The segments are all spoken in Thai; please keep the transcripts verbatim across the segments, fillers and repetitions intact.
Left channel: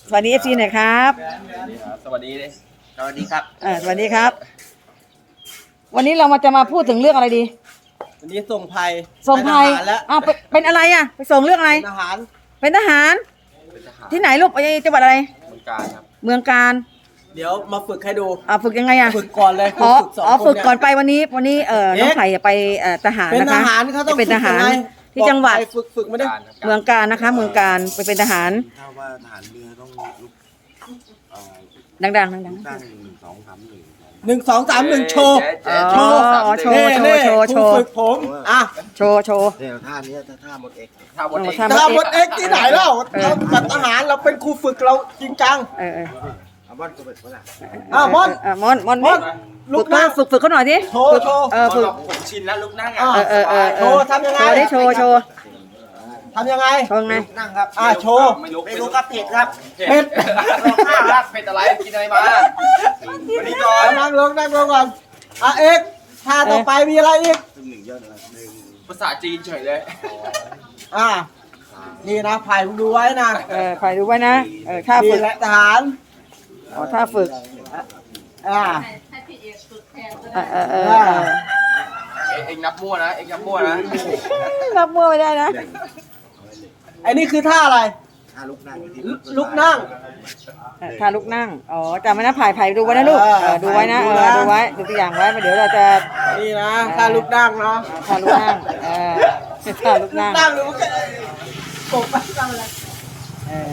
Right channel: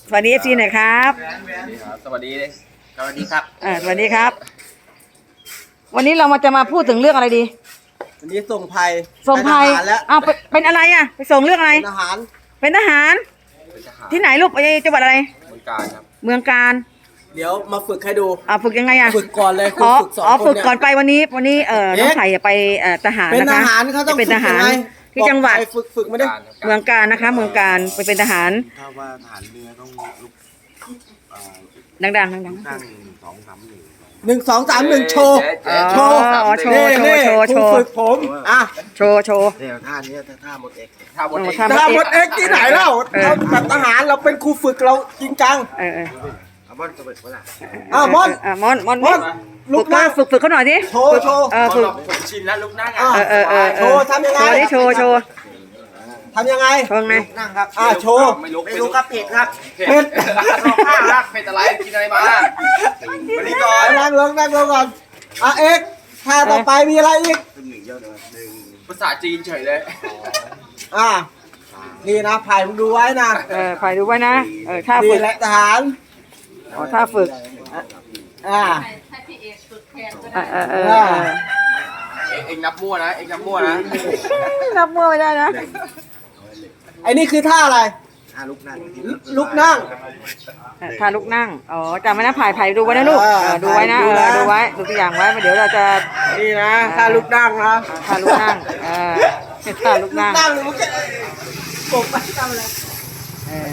สวัสดีเอฟซีหน่อยครับสวัสดีเลยสวัสดีครับอ่าสวัสดีครับวันนี้เรามาจะมาพูดถึงเรื่องอะไรดีวันนี้ส่งภัยส่งภัยอ้าวเป็นอะไรอ่ะไปส่งเรื่องอะไรทหารเป็นทหารที่ไหนลูกไปจังหวัดอะไรเมืองการครับเมืองการเดี๋ยวมาฝึกให้ดูอ่าฝึกยังไงอ่ะฝึกก่อนเลยอ๋ออ๋อฝึกก่อนไปวันนี้วันนี้เอ่อน้องไผ่จะไปเอ่อทหารนะคะจะเป็นทหารที่จังหวัดฝึกฝึกมาดิเมืองการนะคะเมืองการไปเป็นทหารถ้าว่าทหารเรือต้องลุกดังๆดังๆตั้งหนึ่งสองสามหนึ่งหนึ่งสองสามหนึ่งโชว์โชว์โชว์โชว์โชว์โชว์ฝึกผมอ่ะโชว์โชว์เนี่ยท่านี้ท่าหมดเอกท่าหมดเอกท่าหมดเอ็กที่ไหนเล่าเราจัดทหารเราเป็นครูฝึกเราจริงจังเออเออเอาบอลจะเปิดเวลาอ่ะมอนอ่ะมอนมอนมอนฝึกฝึกฝึกเขาหน่อยดิโชว์โชว์เออฝึกผมชินแล้วลุกนั่งอ่ะเออเออเออโชว์ทำยังไงโชว์ดิโชว์โชว์ทำยังไงโชว์ไงนั่งครับอ่ะโชว์ไม่รู้ครับเผ็ดครับเผ็ดข้าวรักเผ็ดอะไรกินอะไรมาวันนี้ก่อนนั่งลงนั่งลงก่อนอ่ะเอ็กท่าต่อไปมีอะไรอีกภาษาจีนเฉยเลยอ่ะนี่นะไผ่มึงดูไว้นะเออไผ่ดูไว้นะเออท่าฝึกทหารอ๋อท่าฝึกอ่าเออเออเออเองนับมั่วนะเองนับมั่วนะนับมั่วไม่ได้นะไอ้นี่คือท่าอะไรท่าลุกนั่งลุกนั่งท่าลุกนั่งอ๋อจำไว้นะไผ่ไผ่ดูไว้นะลูกเออดูไว้นะเออดูไว้ดูตัวอย่างไว้เดี๋ยวเราจะนี่นะท่าลุกนั่งนะท่าลุกนั่งเออท่าลุกนั่งนั่งหรือว่าโกบไปทำอะไรเออ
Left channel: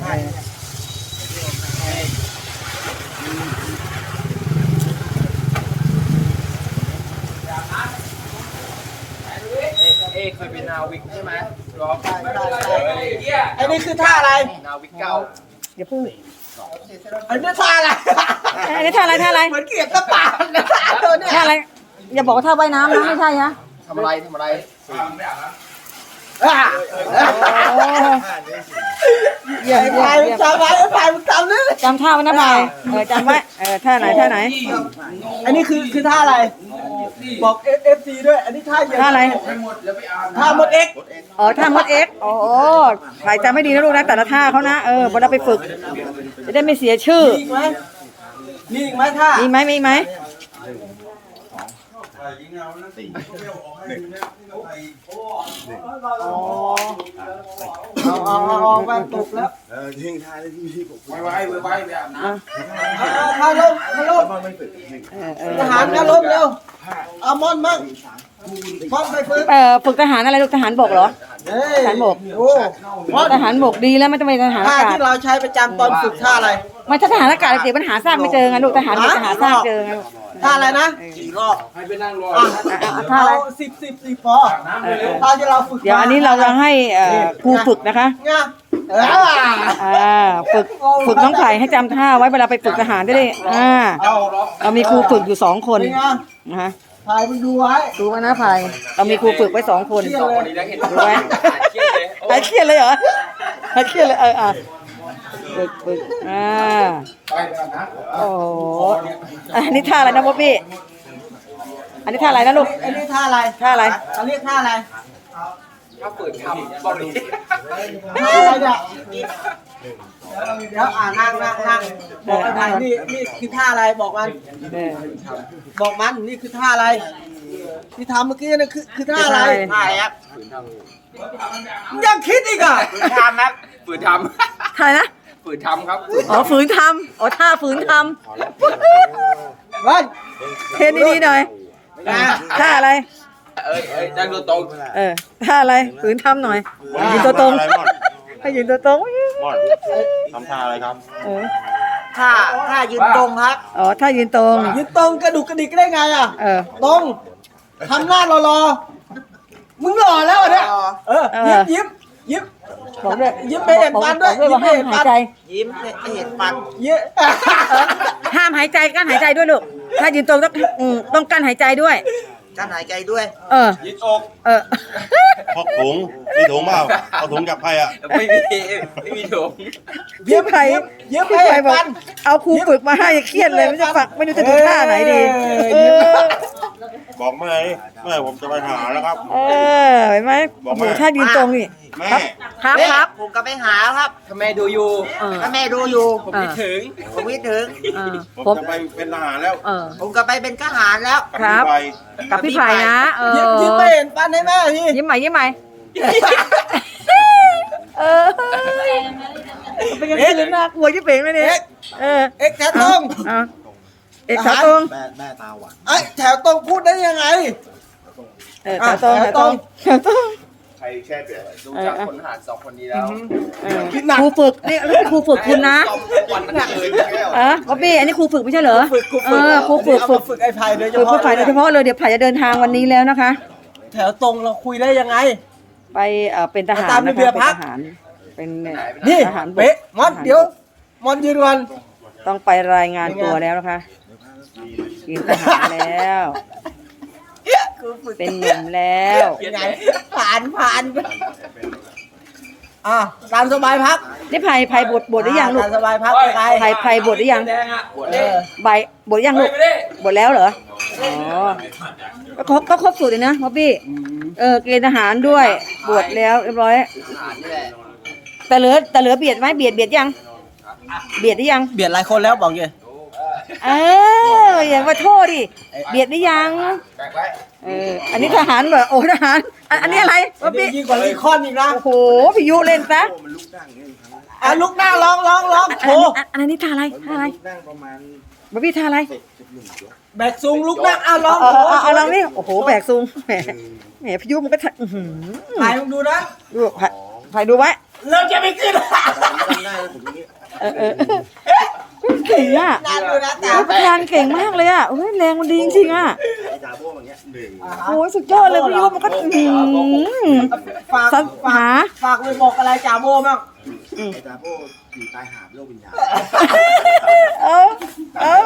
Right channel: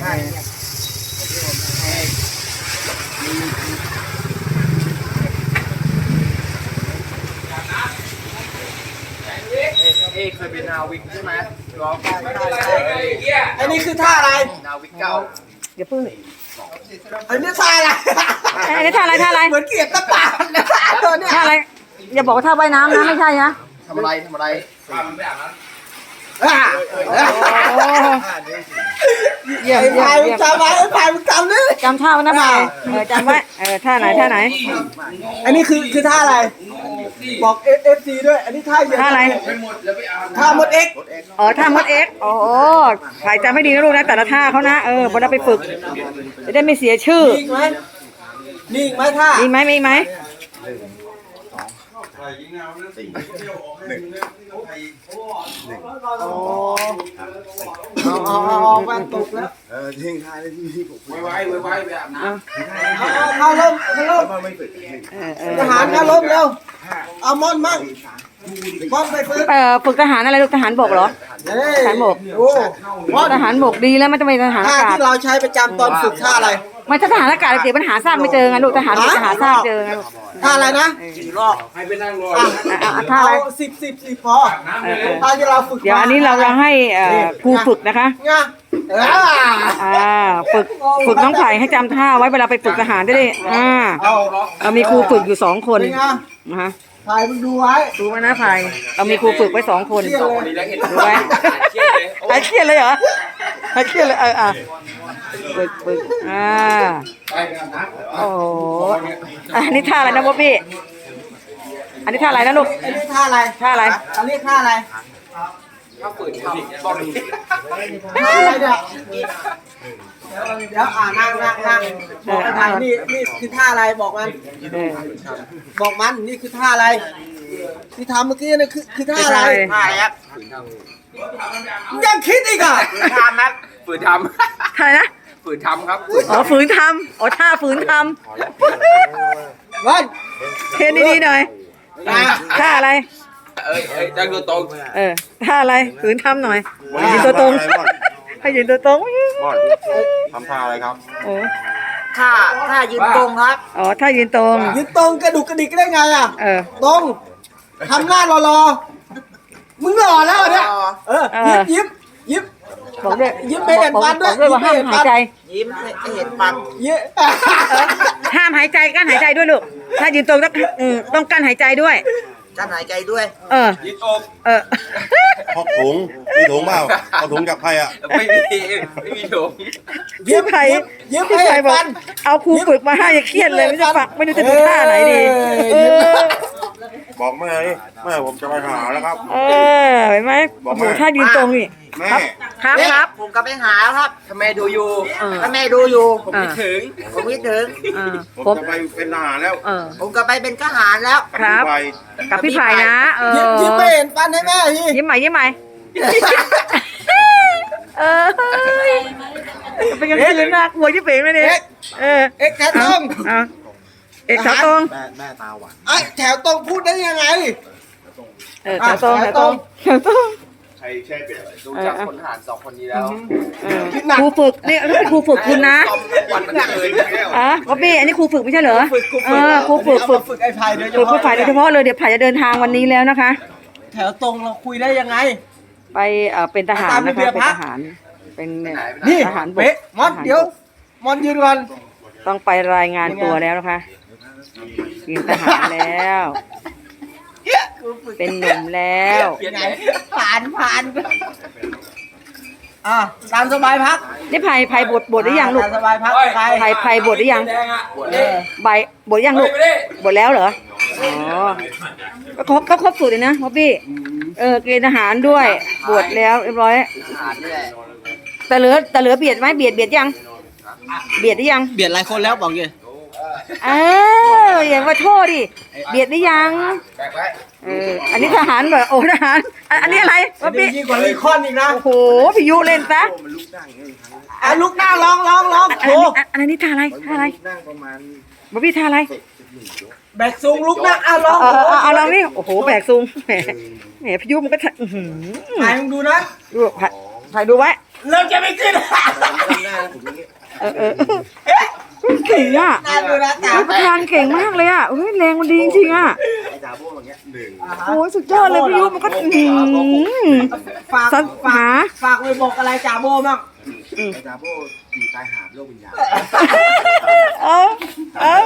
เอเคยเป็นนาวิกใช่ไหมรอไอ้นี่คือท่าอะไรนาวิกเก่าเดี๋ยวพึ่งอันนี้ท่าอะไรอันนี้ท่าอะไรท่าอะไรเหมือนเกียรติตาเนี่ยท่าอะไรอย่าบอกว่าท่าว่ายน้ำนะไม่ใช่ฮะทำอะไรทำอะไรเยี่ยมเยี่ยมเยี่ยมจำไว้ไผ่มึงจำนี่จำท่าไว้นะไผ่เออจำไว้เออท่าไหนท่าไหนอันนี้คือคือท่าอะไรบอกเอฟซีด้วยอันนี้ท่าท่าอะไรท่าหมดเอ็กอ๋อท่ามดเอ็กโอ้โหไผ่จำไม่ดีนะลูกนะแต่ละท่าเขานะเออพอเราไปฝึกจะได้ไม่เสียชื่อมีไหมมีไหมท่ามีไหมมีไหมสี่หนึ่งหนึ่งเอามาตกแล้วเออทิ้งท่าได้ที่ที่ผมไว้ไว้ไว้ไว้แบบนั้นเอาเอามาลงมาลงทหารมาลงเร็วเอามอนมั่งมอนไปฝึกเออฝึกทหารอะไรลูกทหารบกเหรอทหารบกโอ้ทหารบกดีแล้วไม่ต้องไปทหารอากาศที่เราใช้ประจำตอนฝึกท่าอะไรไม่ถ้าทหารอากาศเดี๋ยวปัญหาสร้างไม่เจอไงลูกทหารบกจะหาสร้างเจอไงลูกท่าอะไรนะสี่รอบให้ไปนั่งรอท่าอะไรสิบสิบสิบพอท่าที่เราฝึกเดี๋ยวอันนี้เราจะให้ครูฝึกนะคะอ่าฝึกฝึกน้องไผ่ให้จำท่าไว้เวลาไปฝึกทหารได้เลยอ่าเรามีครูฝึกอยู่สองคนนะคะไผ่มึงดูไว้ดูไว้นะไผ่เรามีครูฝึกไว้สองคนสองคนนี้แล้วเห็นดูไว้หายเครียดเลยเหรอหายเครียดเลยเอออ่ะฝึกฝึกอ่าโอ้อันนี้ท่าอะไรนะบ๊อบบี้อันนี้ท่าอะไรนะลูกอันนี้ท่าอะไรท่าอะไรอันนี้ท่าอะไรถ้าฝืนทำบอกดิท่าอะไรเนี่ยเดี๋ยวอ่านั่งนั่งนั่งบอกไอ้ไผ่นี่นี่คือท่าอะไรบอกมันบอกมันนี่คือท่าอะไรที่ทำเมื่อกี้นี่คือคือท่าอะไรท่าอะไรครับยังคิดอีกอ่ะฝืนทำครับฝืนทำท่านะฝืนทำครับอ๋อฝืนทำอ๋อท่าฝืนทำวันเทนดีๆหน่อยท่าอะไรเอ้ยเอ้ยนั่งตัวตรงเออท่าอะไรฝืนทำหน่อยยืนตัวตรงให้ยืนตัวตรงทำท่าอะไรครับเออท่าท่ายืนตรงครับอ๋อท่ายืนตรงยืนตรงกระดุกกระดิกได้ไงอ่ะเออตรงทำหน้ารอๆมึงหล่อแล้วเนี่ยเออยิ้มยิ้มบอกด้วยยิ้มไม่เห็นฟันด้วยบอกด้วยว่าห้ามหายใจยิ้มไม่เห็นฟันยิ้มห้ามหายใจกั้นหายใจด้วยลูกถ้ายืนตรงต้องต้องกั้นหายใจด้วยกั้นหายใจด้วยเออยืดอกเออพกถุงมีถุงเปล่าเอาถุงกับใครอ่ะไม่มีไม่มีถุงพี่ไผ่พี่ไผ่บอกเอาครูฝึกมาให้เครียดเลยไม่จะฝักไม่รู้จะดูท่าไหนดีเออบอกแม่นี่แม่ผมจะไปหาแล้วครับเออเห็นไหมบอโอ้กโหแม่ถ้ายืนตรงนี่แม่ครับครับผมก็ไปหาครับถ้าแม่ดูอยู่เออถ้าแม่ดูอยู่ผมคิดถึงผมคิดถึงเออผมผมจะไปเป็นทหารแล้วเออผมก็ไปเป็นทหารแล้วกับครับพี่ไปกับพี่ไผ่นะ เออยิ้มไม่เห็นฟันให้แม่ทียิ้มใหม่ยิ้มใหม่เออเป็นกลางคืนน่ากลัวยิ่งเป่งเลยเนี่ยเออเอ็กแถวตรงเอาเอกแถวตรงไอ้แถวตรงพูดได้ยังไงเออแถวตรงแถวตรงแถวตรงดูจากคนทหารสองคนนี้แล้วเออครูฝึกนี่แล้วเป็นครูฝึกคุณนะซ้อมทั้งวันทั้งคืนอ่ะบ๊อบบี้อันนี้ครูฝึกไม่ใช่เหรอเออครูฝึกฝึกฝึกไอ้ไผ่โดยเฉฝึกพาะผู้ฝ่ายโดยเฉพาะเลยเดี๋ยวผ่ายจะเดินทางวันนี้แล้วนะคะแถวตรงเราคุยได้ยังไงไปเอ่อเป็นทหารนะคะตามระเบียบเป็นฮะทหารเป็นเนี่ยนี่ทหารบกเป๊ะมอนเดี๋ยวมอนยืนกันต้องไปรายงานตัวแล้วนะคะเป็นทหารแล้ว เป็นหนุ่มแล้วยังไงผ่านผ่านอ่ะตามสบายพักนี่ไผ่ไผ่บทบทหรือยังลูกตามสบายพักใครไผ่ไผ่บทหรือยังบวชเอเลยอใบบทหรือยังลูกบทแล้วเหรออ๋อก็ครบก็ครบสูตรเลยนะบ๊อบบี้เออเกณฑ์ทหารด้วยบวชแล้วเรียบร้อยทหารนี่แหละแต่เหลือแต่เหลือเบียดไหมเบียดเบียดยัง เบียดหรือยังเบียดหลายคนแล้วบอกเลยเอออย่ามาโทษดิเบียดหรือยังแบกไว้เอออันนี้ทหารแบบโอ้ทหารอันอันนี้อะไรบ๊อบบี้ยิ่งกว่าลีคอนอีกนะโอ้โหพี่ยุเล่นซะอ่ะลุกนั่งลองลองลองอันโอ้นี้อันอันนี้ท่าอะไรท่าอะไรบ๊อบบี้ท่าอะไรแบกซูงลุกนั่งเอาลองเออเอาเอาลองนี่โอ้โหแบกซุงแหมแหมพี่ยุมันก็ทะอื้อหือไหนมึงดูนะดูถ่ายถ่ายดูไว้เริ่มจะไม่ขึ้นเออเออเก่งอ่ะน่าดูนะตาเฮ้ยประธานเก่งมากเลยอ่ะเฮ้ยแรงมันดีจริงๆอ่ะโอ้ยสุดยอดเลยพี่ยุมันก็อื้อหือฝากสัญฝากหาฝากไปบอกอะไรจ่าโบบ้างจาโบอยู่ใต้หาดโลกวิญญาณเออเออ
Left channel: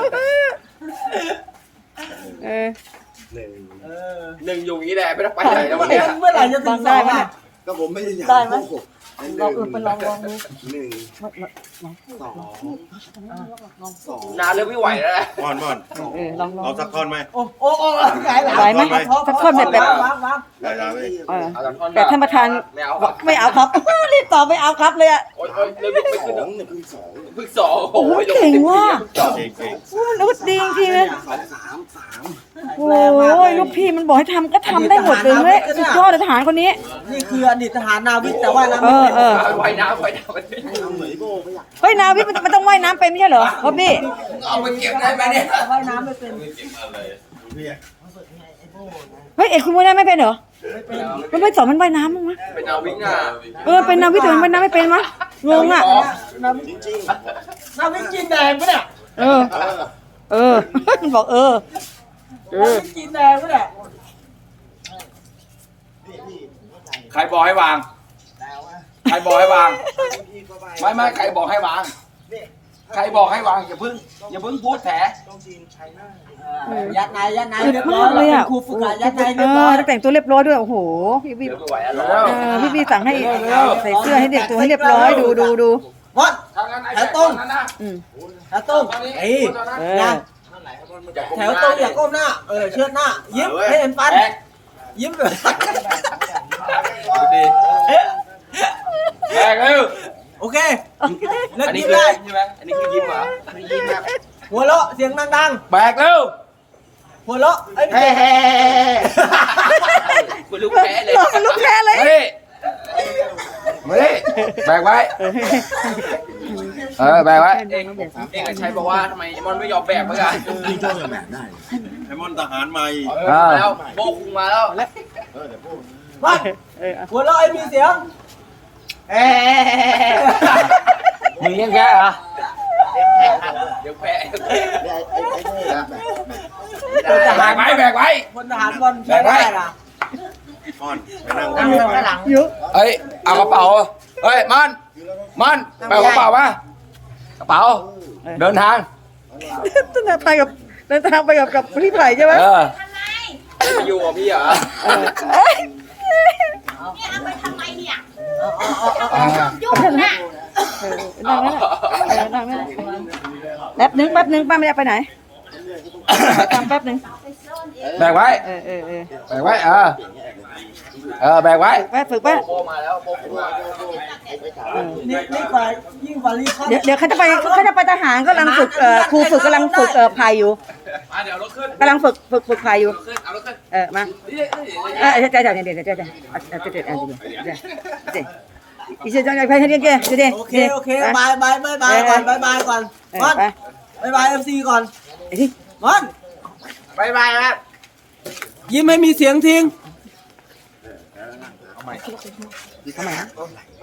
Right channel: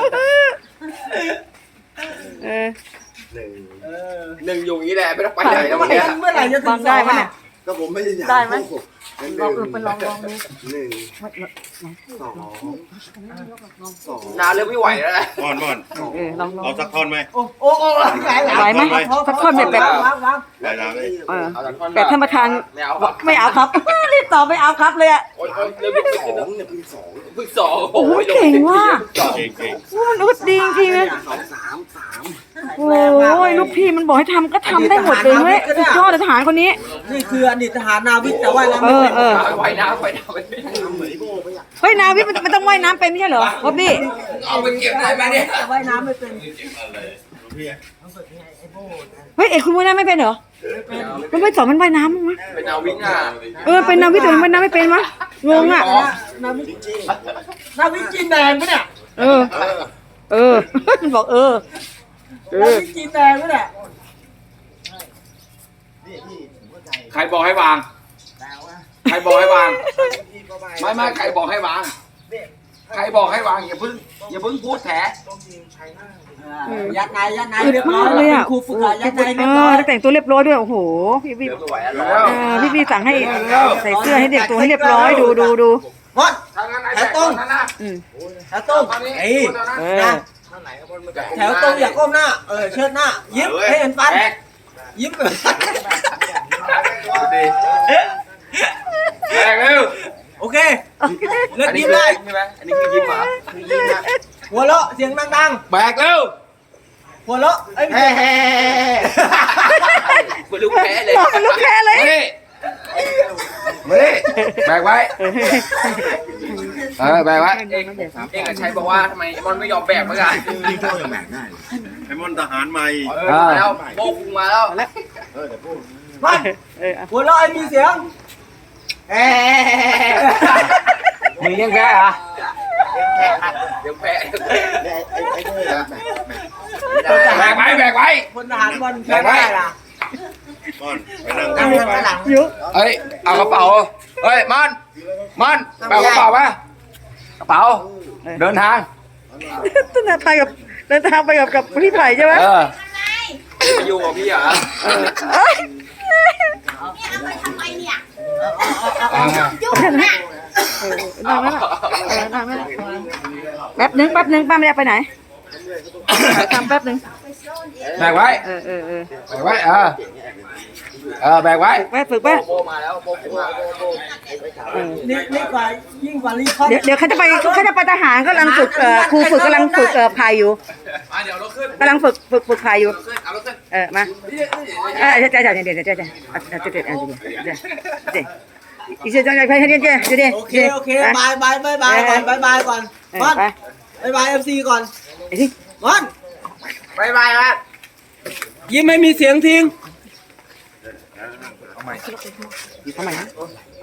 เออหนึ่งหนึ่งอยู่อย่างนี้แหละไม่ต้องไปไหนแล้ววันเนี้ยเมื่อไหร่จะถึฟังงได้ไหมเนี่ยก็ผมไม่ได้อยากได้ไหมโกหกลองเออไปลองลองดูหนึ่งสองสองนาเริ่มไม่ไหวแล้วแหละม่อนม่อนเออลองลองเอาสักท่อนไหมโอ้โอ้โอ้หลายหลายไหวไหมสักคนแบบแบบวางวางได้ได้เลยเออเอาจากท่อนแต่ท่านประธานไม่เอาบอกไม่เอาครับ รีบตอบไม่เอาครับเลยอ่ะโอ๊ยโอ๊ยเริ่มไม่สขึ้นอแล้วงเนี่ยเพิ่งสองเพิ่งสองโอ้โหเก่งว่ะสองเก่งเก่งโอ้มนุษย์ดีจริงๆเลยสองสามสามโอ้ยลูกพี่มันบอกให้ทำก็ทำได้หมดเลยเฮ้ยสุดยอดเลยทหารคนนี้นี่คืออดีตทหารนาวิกแต่ว่าเราเอไม่อเป็นเออไว้น้ำไว้น้ำไว้ทำเหมือนไอ้โบไม่อยากเฮ้ยนาวิทย์มันมันต้องว่ายน้ำเป็นไม่ใช่เหรอบ๊อบบี้เอาไปเก็บได้ไหมเนี่ยว่ายน้ำไม่เป็นเฮ้ยเอกคุณว่ายน้ำไม่เป็นเหรอมันไม่สอนมันว่ายน้ำมั้งมะเป็นนาวิกอ่ะเออเป็นนาวิทย์แต่มันว่ายน้ำไม่เป็นมั้งงงอ่ะนาวิกนาวิกจีนแดงปะเนี่ยเออ เออ มันบอกเออ เอนาอวิกจีนแดงปะเนี่ยใครบอกให้วาง ใครบอกให้วาง ไม่ไม่ใครบอกให้วาง ใครบอกให้วางอย่าเพิ่งอย่าเพิ่งพูดแถยัดในยัดในอึดมากเลยอ่ะครูฝึกหัดยัดในเอเรียบร้ออย แต่งตัวเรียบร้อยด้วย โอ้โห พี่พี่เริ่มไม่ไหวแล้วร้อนเออพี่พี่สั่งให้ใส่เสื้อให้เด็กตัวให้เรียบร้อยดูดูดูมดถ้างั้นไอ้แถแบวกตรงนั้นนะอืมแถวตรงเอ้ยเออแถวตรงอย่าก้มหน้า เออเชิดหน้า ยิ้มให้เห็นฟัน ยิ้มแบบแบกเร็วโอเคเลิกอันนี้ยิ้มคือได้ยิ้มใช่ไหมอันนี้คือยิ้มเหรอคือยิ้มนะหัวเราะเสียงดังแบกเร็วๆ หัวเราะเอ้ยเหมือนลูกแพ้เลยหลอกเป็นลูกแค่เลยมาดิมาดิแบกไว้ เออแบกไว้เอกเอกชัยบอกว่าทำไมไอ้มอนไม่ยอมแบกเหมือนกันยิงโบยังแบกได้ไอ้ม่อนทหารใหม่เออมาแล้วโบกคุงมาแล้วเออแต่โบมาเออหัวเราะไอ้มีเสียงเอ๊ะมึงยังแค่เหรอเดี๋ยวแพ้ไอ้ไอ้ไอ้โบแบกแบกแบกไว้แบกไว้พลทหารบอลแพ้ได้ล่ะม่อนไปนั่งนั่กังนอยู่ไปข้างหลังยุเฮ้ย เอากระเป๋า เฮ้ย มัน มัน แบกกระเป๋ามากระเป๋า เดินทางต้นทางไปกับเดินทางไปกับกับพี่ไผ่ใช่ไหมเออไปอยู่กับพี่เหรอเออเอ้ยอ่าเอาแค่นั้นเออนั่งไม่ละเออนั่งไม่ละแป๊บนึงแป๊บนึงป้าไม่ได้ไปไหนขอตามแป๊บนึงไอ้แบกไว้เออเออเออแบกไว้เออเออแบกไว้ไปฝึกไปโบมาแล้วโบมาโบโบเออนี่นี่กว่ายิ่งกว่ารีคอนเดี๋ยวเดี๋ยวเขาจะไปเขาจะไปทหารกำลังฝึกเอ่อครูฝึกกำลังฝึกเอ่อพายอยู่มาเดี๋ยวเราขึ้นกำลังฝึกฝึกฝึกพายอยู่ขึ้นเอาเราขึ้นเออมาเออเดี๋ยวเดี๋ยวเดี๋ยวเดี๋ยวเดี๋ยวเดี๋ยวเดี๋ยวเดี๋ยวเดี๋ยวเดี๋ยวเยวอีเชี่ยจังใจไปให้เดี๋ยวเดี๋ยวเดี๋ยวโอเคโอเคบายบายบายบายก่อนบายบายก่อนเออมอนไปบายบายเอฟซีก่อนไอ้ที่มอนบายบายนะยิ้มให้มีเสียงทิ้งทำไมนะ